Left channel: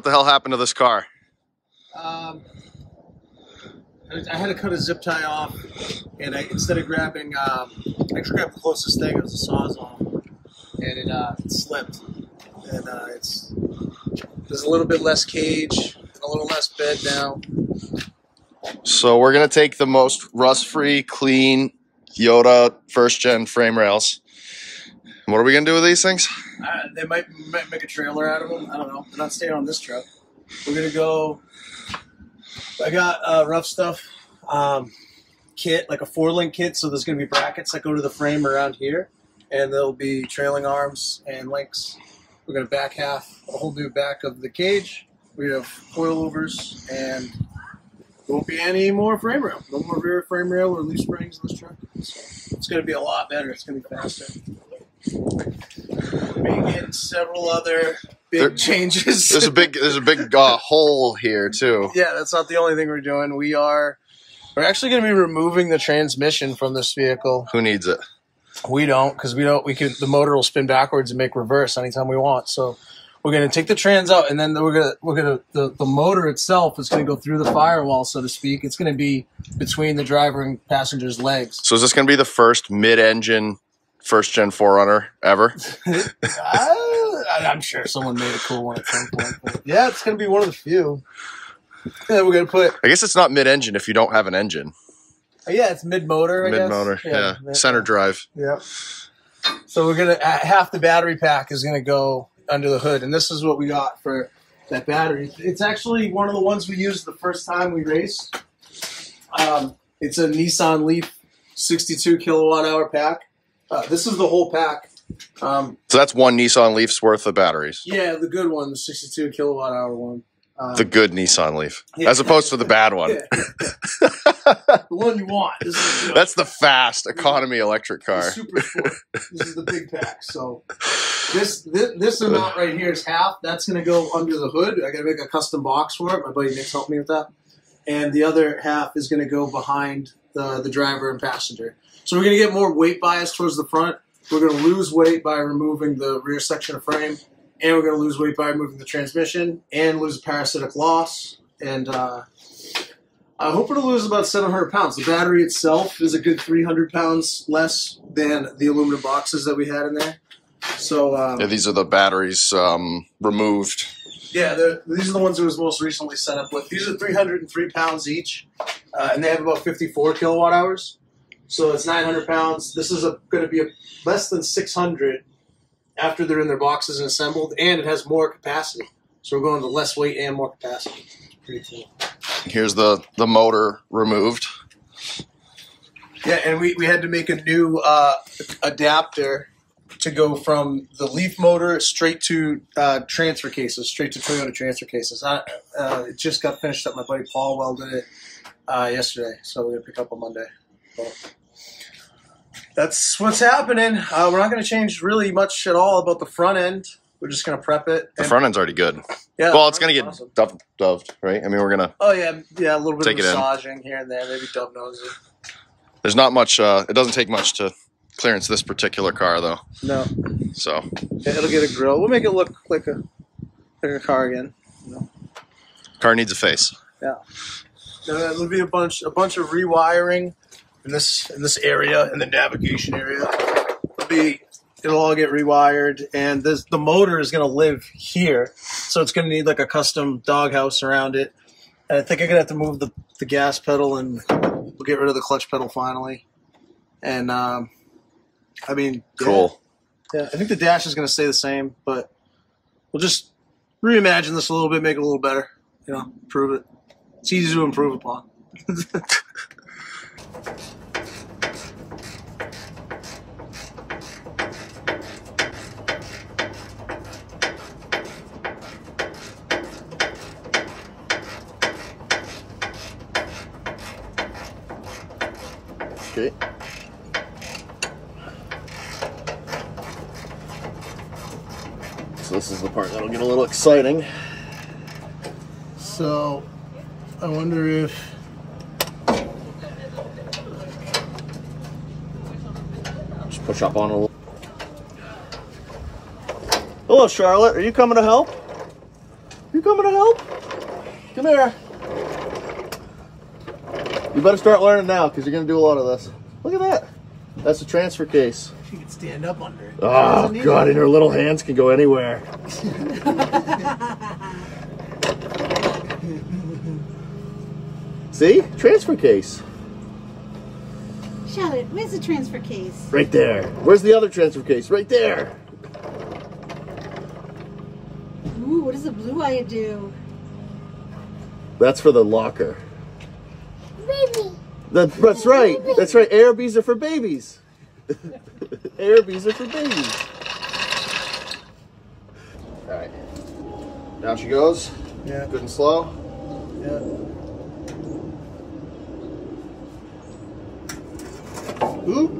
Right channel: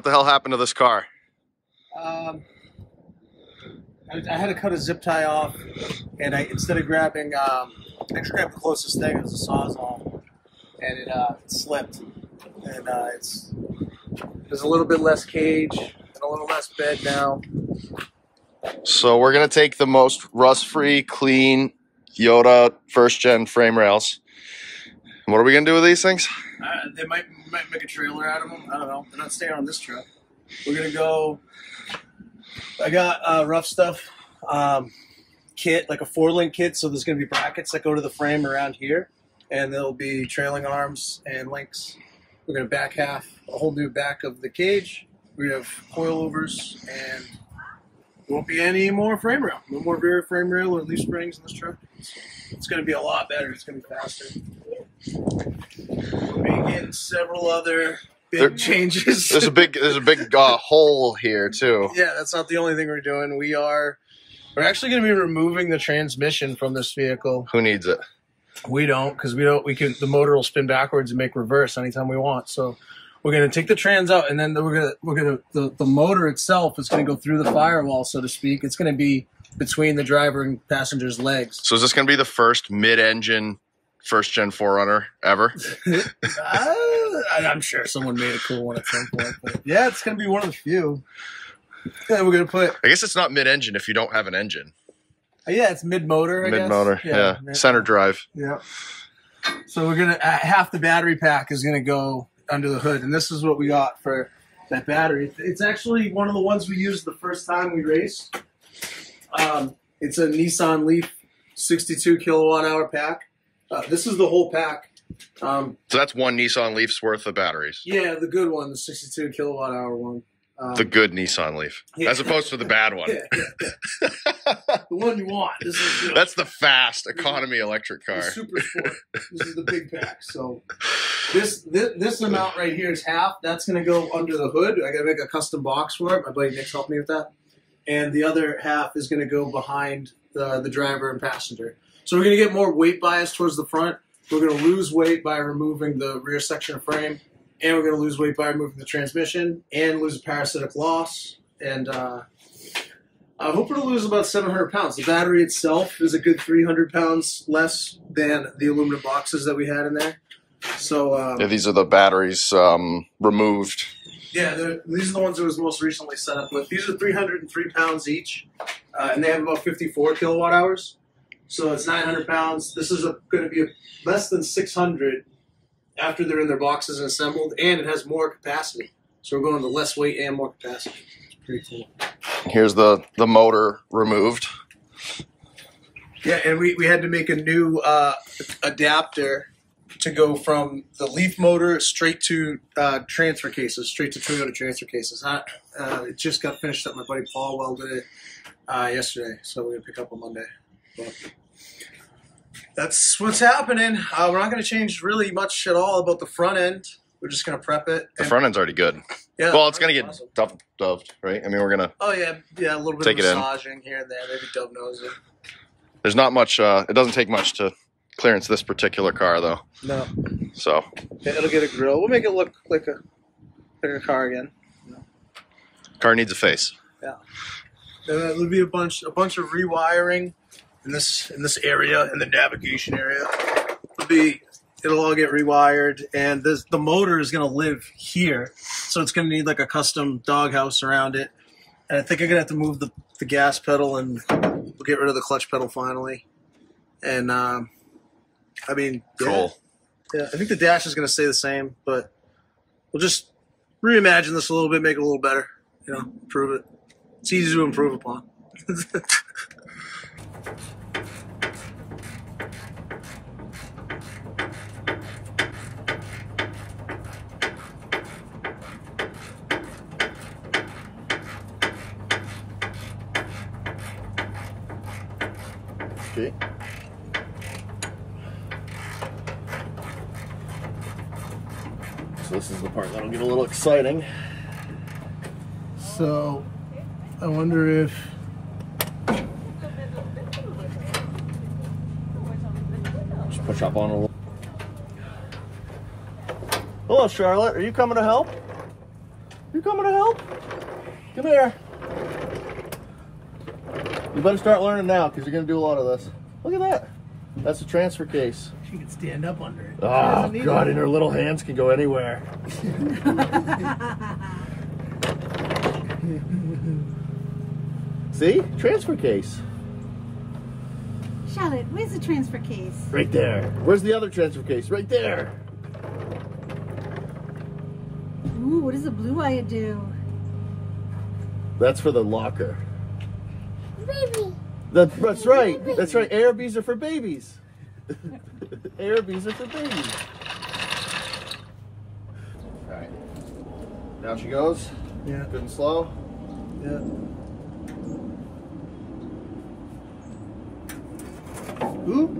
what the hell happened to this car? I had to cut a zip tie off, and instead of grabbing, I actually grabbed the closest thing. It was a Sawzall, and it slipped. And there's a little bit less cage and a little less bed now. So we're gonna take the most rust-free, clean Yoda first-gen frame rails. What are we gonna do with these things? They might make a trailer out of them. I don't know. They're not staying on this truck. We're gonna go. I got Rough Stuff kit, like a 4-link kit. So there's gonna be brackets that go to the frame around here, and there'll be trailing arms and links. We're gonna back half a whole new back of the cage. We're gonna have coilovers, and there won't be any more frame rail. No more rear frame rail or leaf springs in this truck. So it's gonna be a lot better. It's gonna be faster. Making several other big changes. There's a big hole here too. Yeah, that's not the only thing we're doing. We're actually going to be removing the transmission from this vehicle. Who needs it? We don't, because the motor will spin backwards and make reverse anytime we want. So we're going to take the trans out, and then the motor itself is going to go through the firewall, so to speak. It's going to be between the driver and passenger's legs. So is this going to be the first mid-engine first-gen 4Runner ever? I'm sure someone made a cool one at some point. But yeah, it's going to be one of the few. Yeah, we're going to put... I guess it's not mid-engine if you don't have an engine. Yeah, it's mid-motor, I guess. Mid-motor, yeah. Center drive. Yeah. So we're going to... half the battery pack is going to go under the hood. And this is what we got for that battery. It's actually one of the ones we used the first time we raced. It's a Nissan Leaf 62 kilowatt-hour pack. This is the whole pack. So that's one Nissan Leaf's worth of batteries. Yeah, the good one, the 62 kilowatt-hour one. The good Nissan Leaf, as opposed to the bad one. Yeah. The one you want. This is, that's the fast economy electric car. The Super Sport. This is the big pack. So this amount right here is half. That's going to go under the hood. I got to make a custom box for it. My buddy Nick's helped me with that. And the other half is going to go behind the driver and passenger. So we're going to get more weight bias towards the front. We're going to lose weight by removing the rear section of frame, and we're going to lose weight by removing the transmission and lose a parasitic loss. And I'm hoping to lose about 700 pounds. The battery itself is a good 300 pounds less than the aluminum boxes that we had in there. So yeah, these are the batteries removed. Yeah, these are the ones that was most recently set up with. These are 303 pounds each, and they have about 54 kilowatt hours. So it's 900 pounds. This is going to be less than 600 after they're in their boxes and assembled, and it has more capacity. So we're going to less weight and more capacity. It's pretty cool. Here's the motor removed. Yeah, and we had to make a new adapter to go from the Leaf motor straight to transfer cases, straight to Toyota transfer cases. It just got finished up. My buddy Paul welded it yesterday, so we're going to pick up on Monday. But that's what's happening. We're not going to change really much at all about the front end. We're just going to prep it. The front end's already good. Yeah, well, it's going to get awesome. Doved, right? I mean, we're going to... Oh, yeah, a little bit of massaging here and there. Maybe dove nose it. There's not much... it doesn't take much to clearance this particular car, though. No. So... Yeah, it'll get a grill. We'll make it look like a car again. You know? Car needs a face. Yeah. It'll be a bunch of rewiring in this area, in the navigation area. It'll all get rewired, and the motor is going to live here, so it's going to need like a custom doghouse around it. And I think I'm going to have to move the gas pedal, and we'll get rid of the clutch pedal finally. And I mean, cool. Yeah, I think the dash is going to stay the same, but we'll just reimagine this a little bit, make it a little better. You know, improve it. It's easy to improve upon. Okay. So this is the part that'll get a little exciting. So I wonder if just push up on a little. Hello, Charlotte. Are you coming to help? You coming to help? Come here. You better start learning now because you're going to do a lot of this. Look at that. That's a transfer case. She can stand up under it. Oh, God, and her little hands can go anywhere. See? Transfer case. Charlotte, where's the transfer case? Right there. Where's the other transfer case? Right there. Ooh, what does the blue wire do? That's for the locker. Baby. That's right. That's right. ARBs are for babies. ARBs are for babies. All right. Down she goes. Yeah. Good and slow. Yeah. Oop.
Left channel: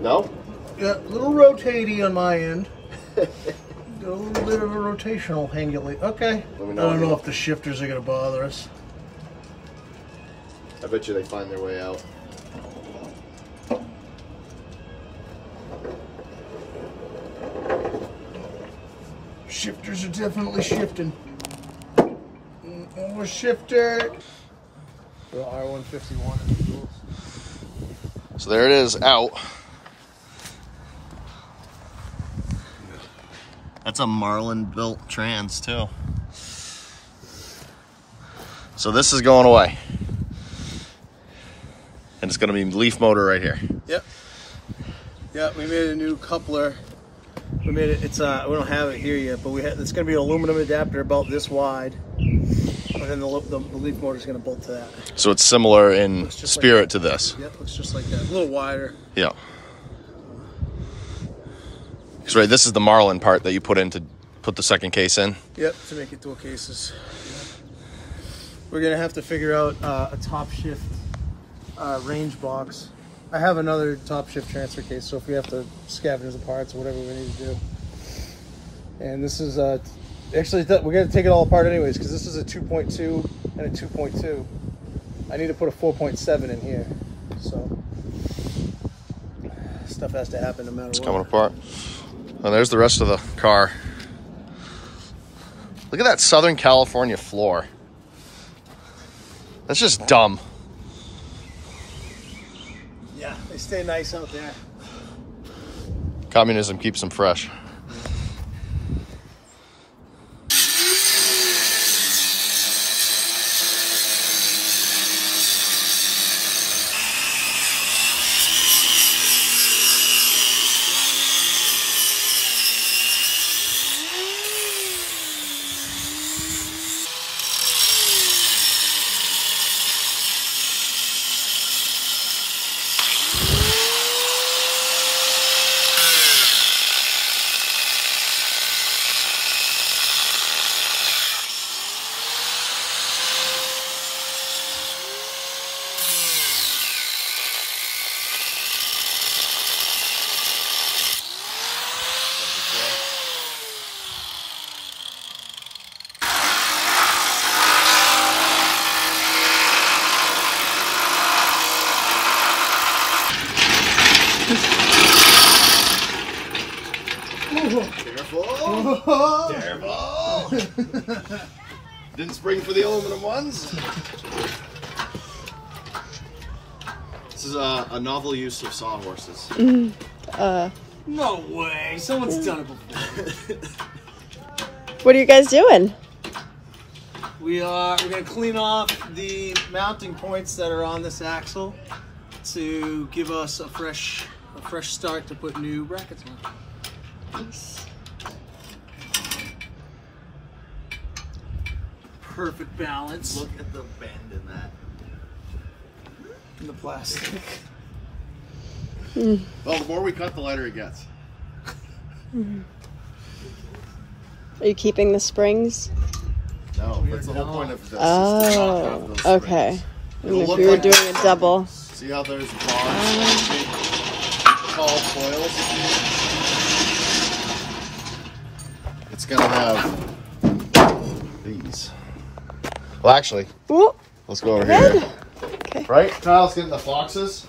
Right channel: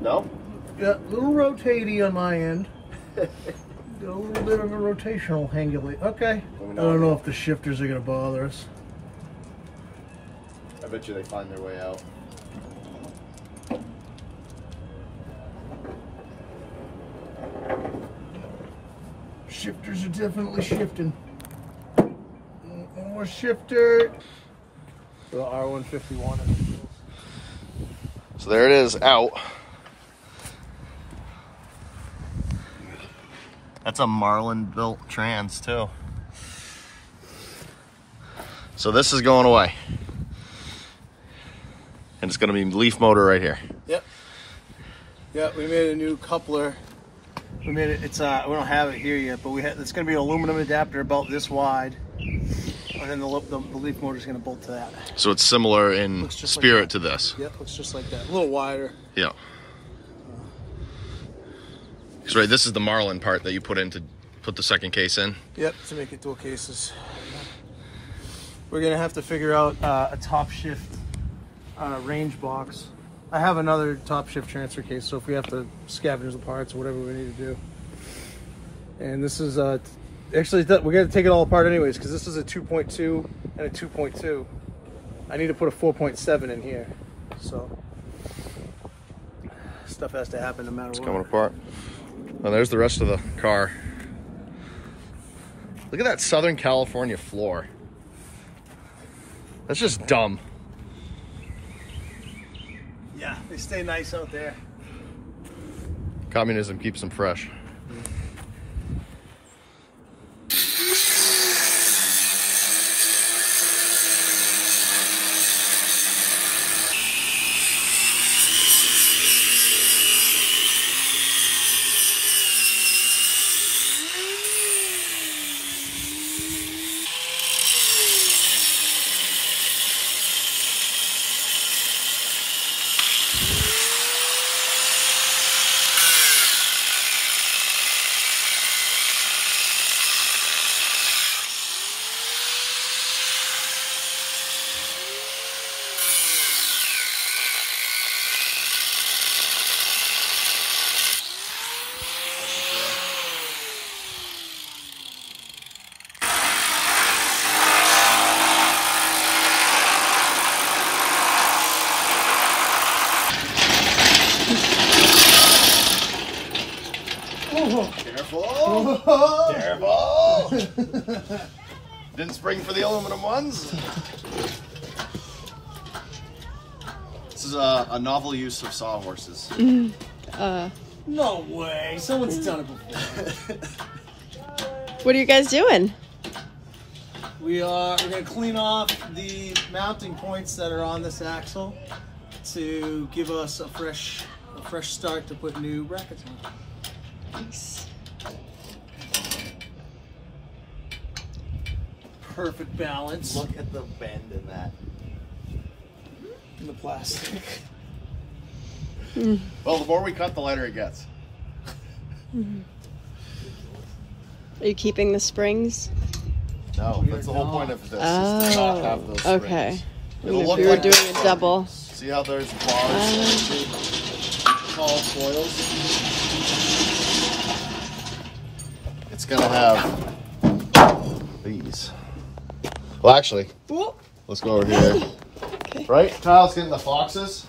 No? Yeah, a little rotatey on my end. Got a little bit of a rotational angulate. Okay. I don't know if the shifters are going to bother us. I bet you they find their way out. Shifters are definitely shifting. One more shifter. The R151 in the wheels. So there it is, out. That's a Marlin built trans too. So this is going away. And it's gonna be leaf motor right here. Yep. Yep, we made a new coupler. We made it, it's we don't have it here yet, but it's gonna be an aluminum adapter about this wide. And then the leaf motor is gonna bolt to that. So it's similar in spirit like to this. Yep, looks just like that. A little wider. Yeah. Because right, this is the Marlin part that you put in to put the second case in. Yep, to make it dual cases. We're gonna have to figure out a top shift range box. I have another top shift transfer case, so if we have to scavenge the parts or whatever we need to do. And this is actually we're gonna take it all apart anyways because this is a 2.2 and a 2.2. I need to put a 4.7 in here, so stuff has to happen no matter what. It's coming apart. And there's the rest of the car. Look at that Southern California floor. That's just dumb. Yeah, they stay nice out there. Communism keeps them fresh. Careful! Didn't spring for the aluminum ones. This is a novel use of sawhorses. No way! Someone's done it before. What are you guys doing? We're gonna clean off the mounting points that are on this axle to give us a fresh start to put new brackets on. Nice. Perfect balance. Look at the bend in that. In the plastic. Well, the more we cut, the lighter it gets. Are you keeping the springs? No, that's the whole point of this. Oh, okay. And if you were doing a double. See how there's bars, tall foils? It's gonna have these. Well, actually, Ooh, let's go over here. okay. Right? Kyle's getting the foxes.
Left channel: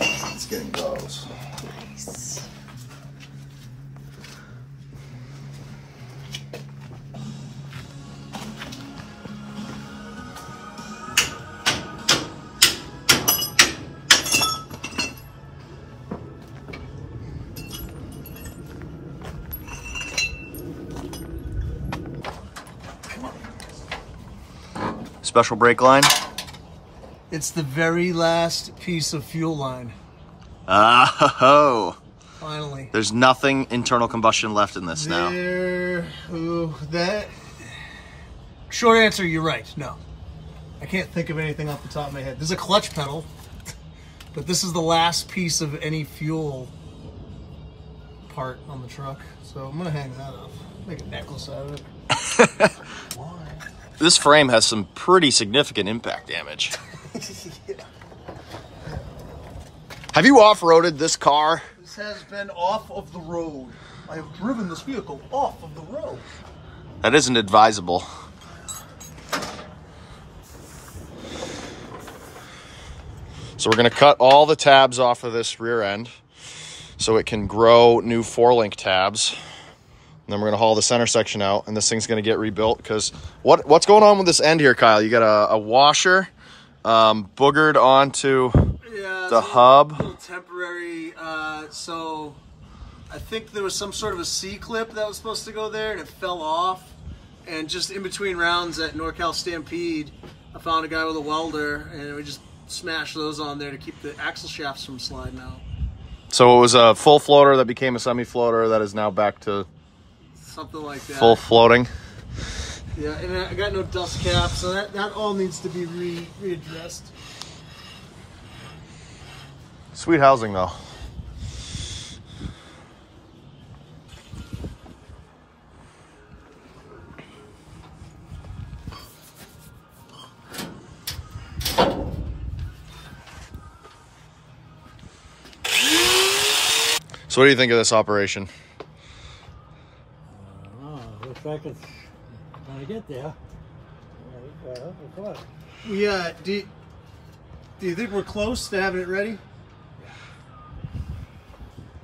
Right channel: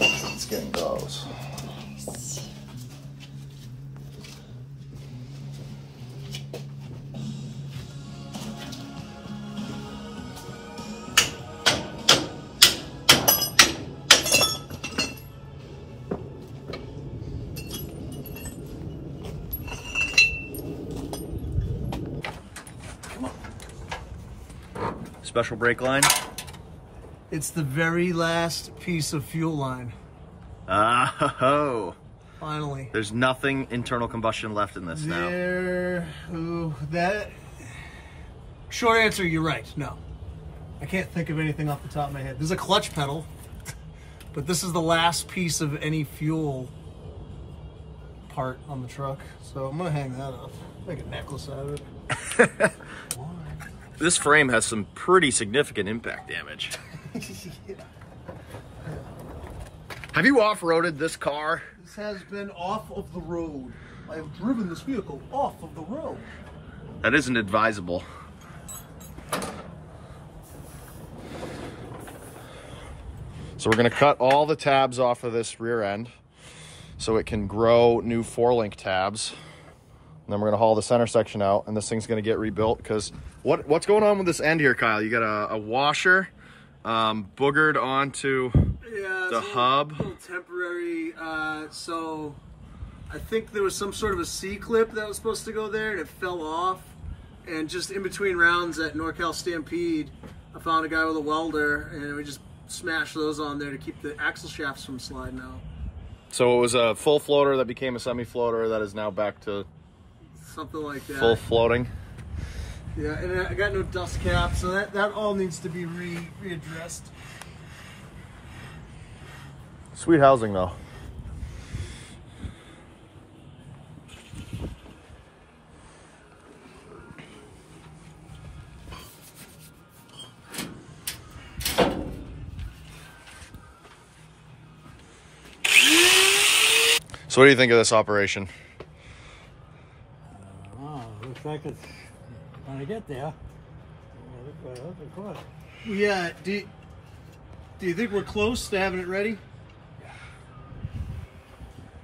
It's getting close. Nice. Special brake line. It's the very last piece of fuel line. Oh. Finally. There's nothing internal combustion left in this now. That. Short answer, you're right. No. I can't think of anything off the top of my head. There's a clutch pedal, but this is the last piece of any fuel part on the truck. So I'm going to hang that up. Make a necklace out of it. This frame has some pretty significant impact damage. Yeah. Have you off-roaded this car? This has been off of the road. I have driven this vehicle off of the road. That isn't advisable. So we're going to cut all the tabs off of this rear end so it can grow new 4-link tabs. And then we're going to haul the center section out, and this thing's going to get rebuilt because what's going on with this end here, Kyle? You got a washer boogered onto the hub. A little temporary. So I think there was some sort of a C-clip that was supposed to go there, and it fell off. And just in between rounds at NorCal Stampede, I found a guy with a welder, and we just smashed those on there to keep the axle shafts from sliding out. So it was a full floater that became a semi-floater that is now back to something like that. Full floating. Yeah, and I got no dust cap, so that all needs to be readdressed. Sweet housing though. So what do you think of this operation? Looks like it's gonna get there. Yeah, do you think we're close to having it ready?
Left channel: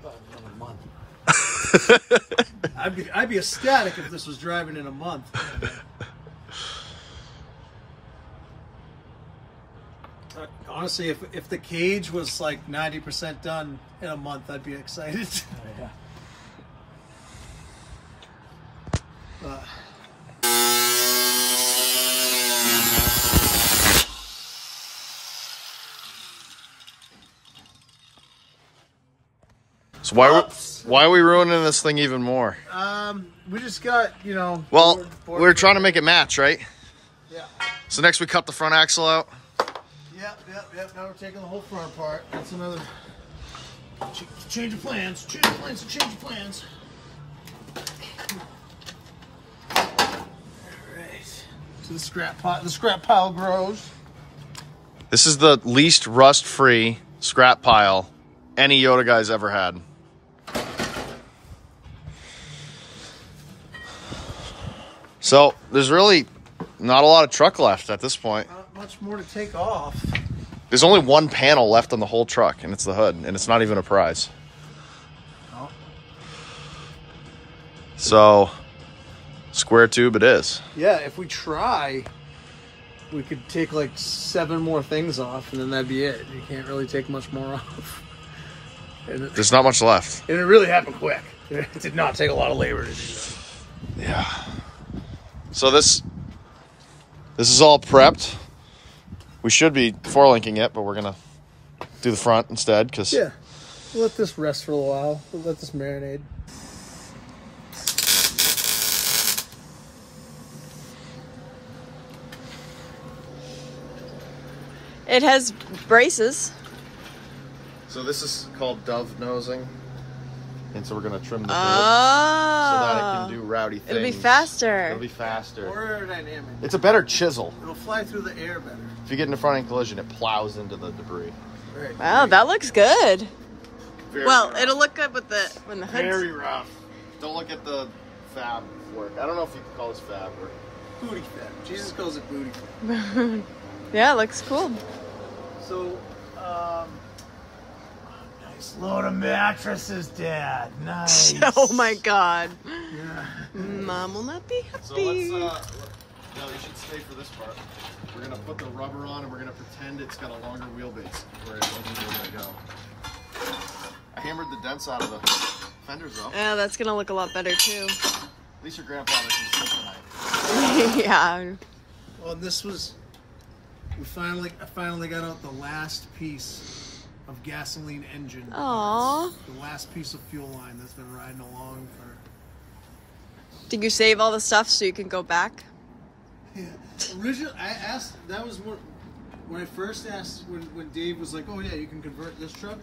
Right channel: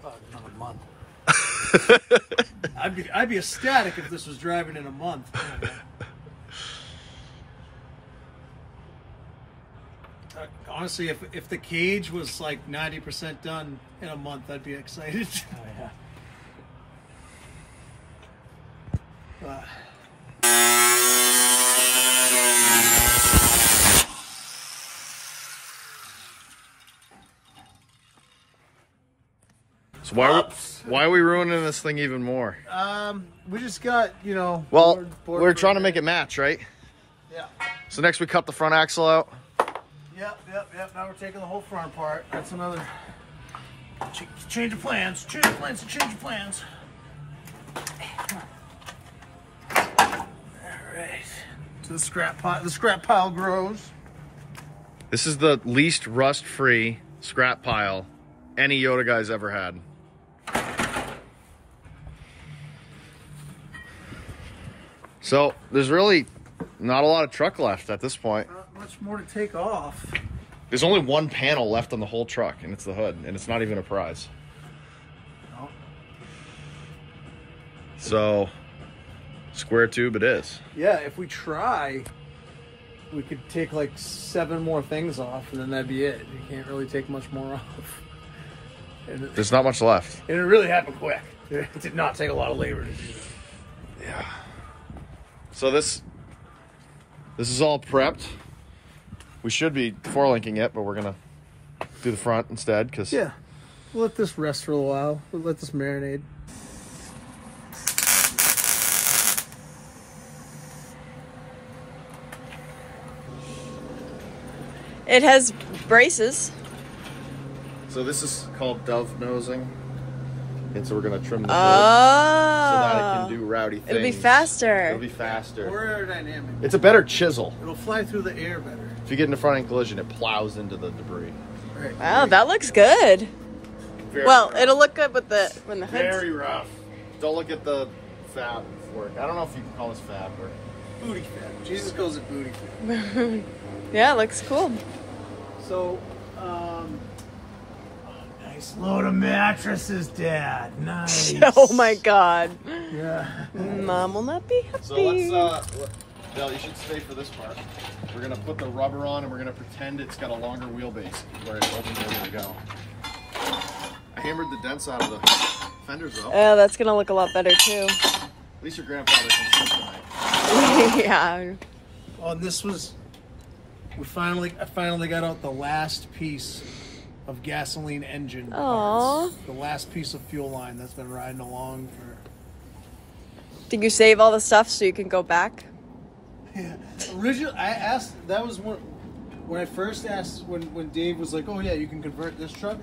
Another month. I'd be ecstatic if this was driving in a month. Honestly, if the cage was like 90% done in a month, I'd be excited. Yeah. So why are we ruining this thing even more? We just got, you know. Well, we're trying to make it match, right? Yeah. So next we cut the front axle out. Yep. Now we're taking the whole front apart. That's another change of plans. Change of plans. All right. So the scrap pile grows. This is the least rust-free scrap pile any Yoda guy's ever had. So there's really not a lot of truck left at this point. Not much more to take off. There's only one panel left on the whole truck, and it's the hood, and it's not even a prize. Oh. So, square tube it is. Yeah, if we try, we could take like 7 more things off, and then that'd be it. You can't really take much more off. There's not much left. And it really happened quick. It did not take a lot of labor to do that. Yeah. So this is all prepped. We should be 4-linking it, but we're gonna do the front instead because yeah, we'll let this rest for a while. We'll let this marinate. It has braces. So this is called dove nosing, and so we're gonna trim the Oh. hood so that it can do rowdy things. It'll be faster. It'll be faster. More aerodynamic. It's a better chisel. It'll fly through the air better. If you get in a front-end collision, it plows into the debris. Right. Wow, that looks good. Very, Well, it'll look good with when the hood's... very rough. Don't look at the fab work. I don't know if you can call this fab work. Booty fat. Jesus calls it booty fat. Yeah, it looks cool. So, nice load of mattresses, Dad. Nice. Oh my God. Yeah. Mom will not be happy. So let's, Bill, you should stay for this part. We're gonna put the rubber on and we're gonna pretend it's got a longer wheelbase where it opens where to go. I hammered the dents out of the fenders though. Oh, that's gonna look a lot better too. At least your grandfather can sleep tonight. Yeah. Well, this was I finally got out the last piece of gasoline engine Aw. parts. The last piece of fuel line that's been riding along for. Did you save all the stuff so you can go back? Yeah. Originally, I asked. That was when I first asked when Dave was like, "Oh yeah, you can convert this truck."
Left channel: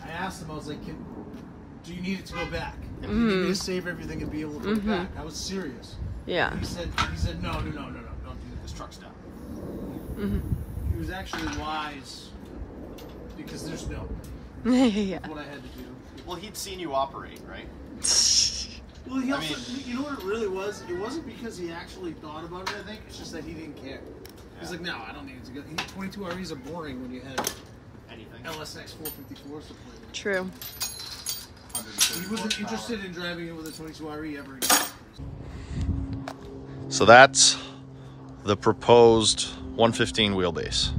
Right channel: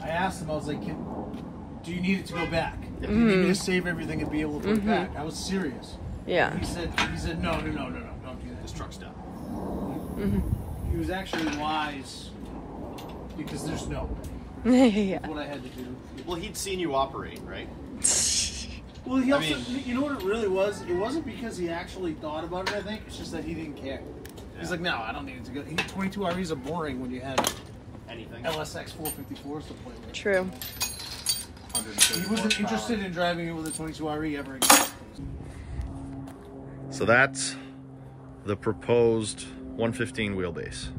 I asked him. I was like, "Do you need it to go back? Do you need me to save everything and be able to put it back?" I was serious. Yeah. He said, "No, don't do that. This truck's done." He was actually wise because there's no. Yeah. What I had to do. Well, he'd seen you operate, right? Well, he also, you know what it really was? It wasn't because he actually thought about it, I think. It's just that he didn't care. He's like, no, I don't need it to go. 22 REs are boring when you had Anything. LSX 454s to play with. True. He wasn't interested in driving it with a 22 RE ever again. So that's the proposed 115 wheelbase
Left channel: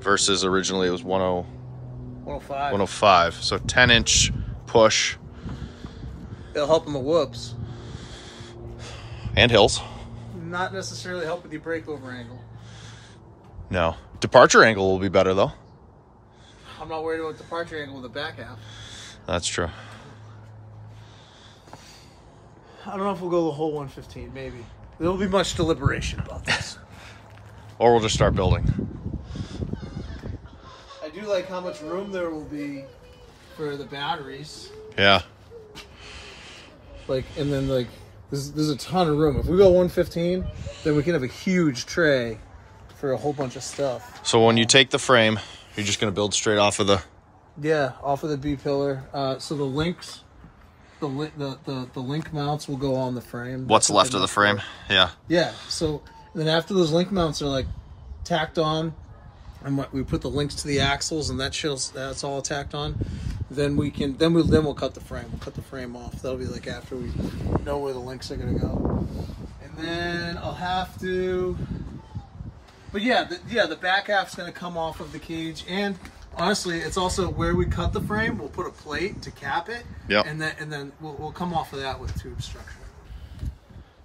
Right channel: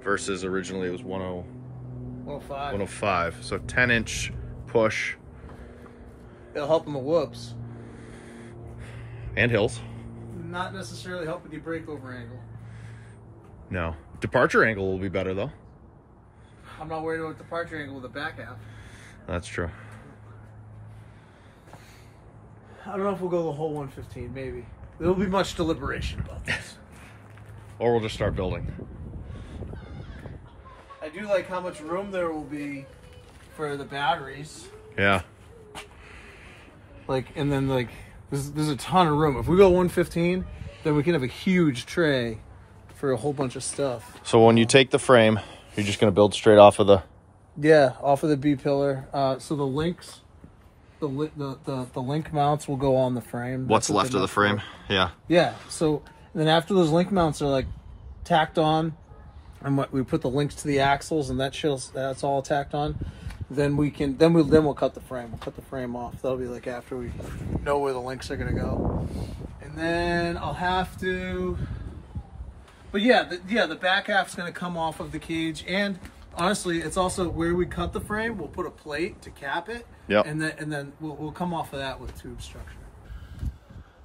versus originally it was 105. 105. So 10-inch push It'll help in the whoops. and hills. Not necessarily help with your breakover angle. No. Departure angle will be better though. I'm not worried about departure angle with the back half. That's true. I don't know if we'll go the whole 115, maybe. There'll be much deliberation about this. Or we'll just start building. I do like how much room there will be for the batteries. Yeah. Like, and then like, there's a ton of room. If we go 115, then we can have a huge tray for a whole bunch of stuff. So when you take the frame, you're just going to build straight off of the... Yeah, off of the B pillar. So the links, the link mounts will go on the frame. What's That's what left they're of the meant frame? for. Yeah. Yeah. So then after those link mounts are like tacked on, and we put the links to the axles, and that's all tacked on. Then we'll cut the frame. We'll cut the frame off. That'll be like after we know where the links are gonna go. And then I'll have to. But yeah, the back half's gonna come off of the cage, and honestly, it's also where we cut the frame. We'll put a plate to cap it. Yep. And then we'll come off of that with tube structure.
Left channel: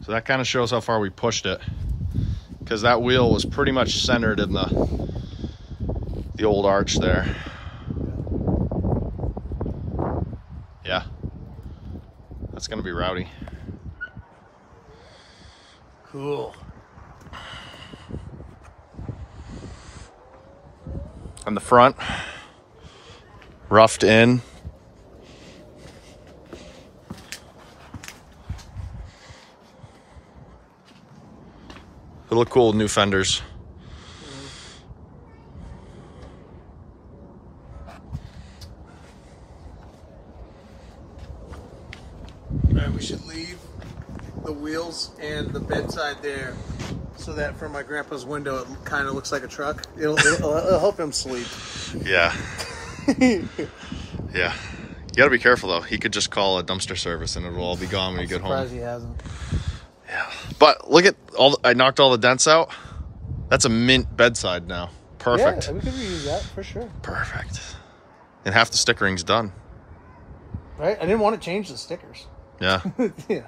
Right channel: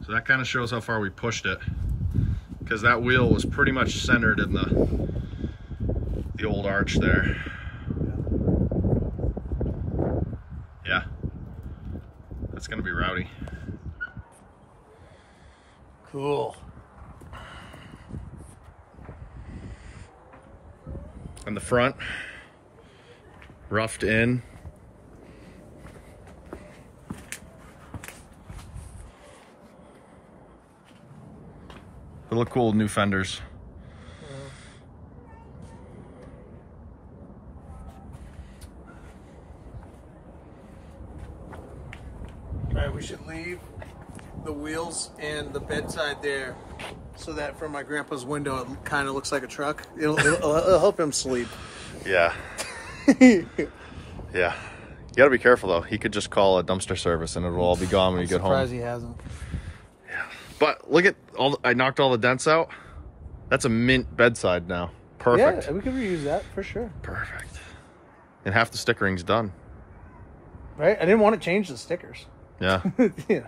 So that kind of shows how far we pushed it, because that wheel was pretty much centered in the old arch there. Yeah, that's gonna be rowdy. Cool. And the front, roughed in. It'll look cool with new fenders. Alright, we should leave the wheels and the bedside there so that from my grandpa's window it kind of looks like a truck. It'll help him sleep. Yeah. Yeah. You gotta be careful though. He could just call a dumpster service and it'll all be gone when you get home. Surprised he hasn't. Yeah. But look at I knocked all the dents out. That's a mint bedside now. Perfect. Yeah, we could reuse that for sure. Perfect. And half the stickering's done. Right? I didn't want to change the stickers. Yeah. Yeah.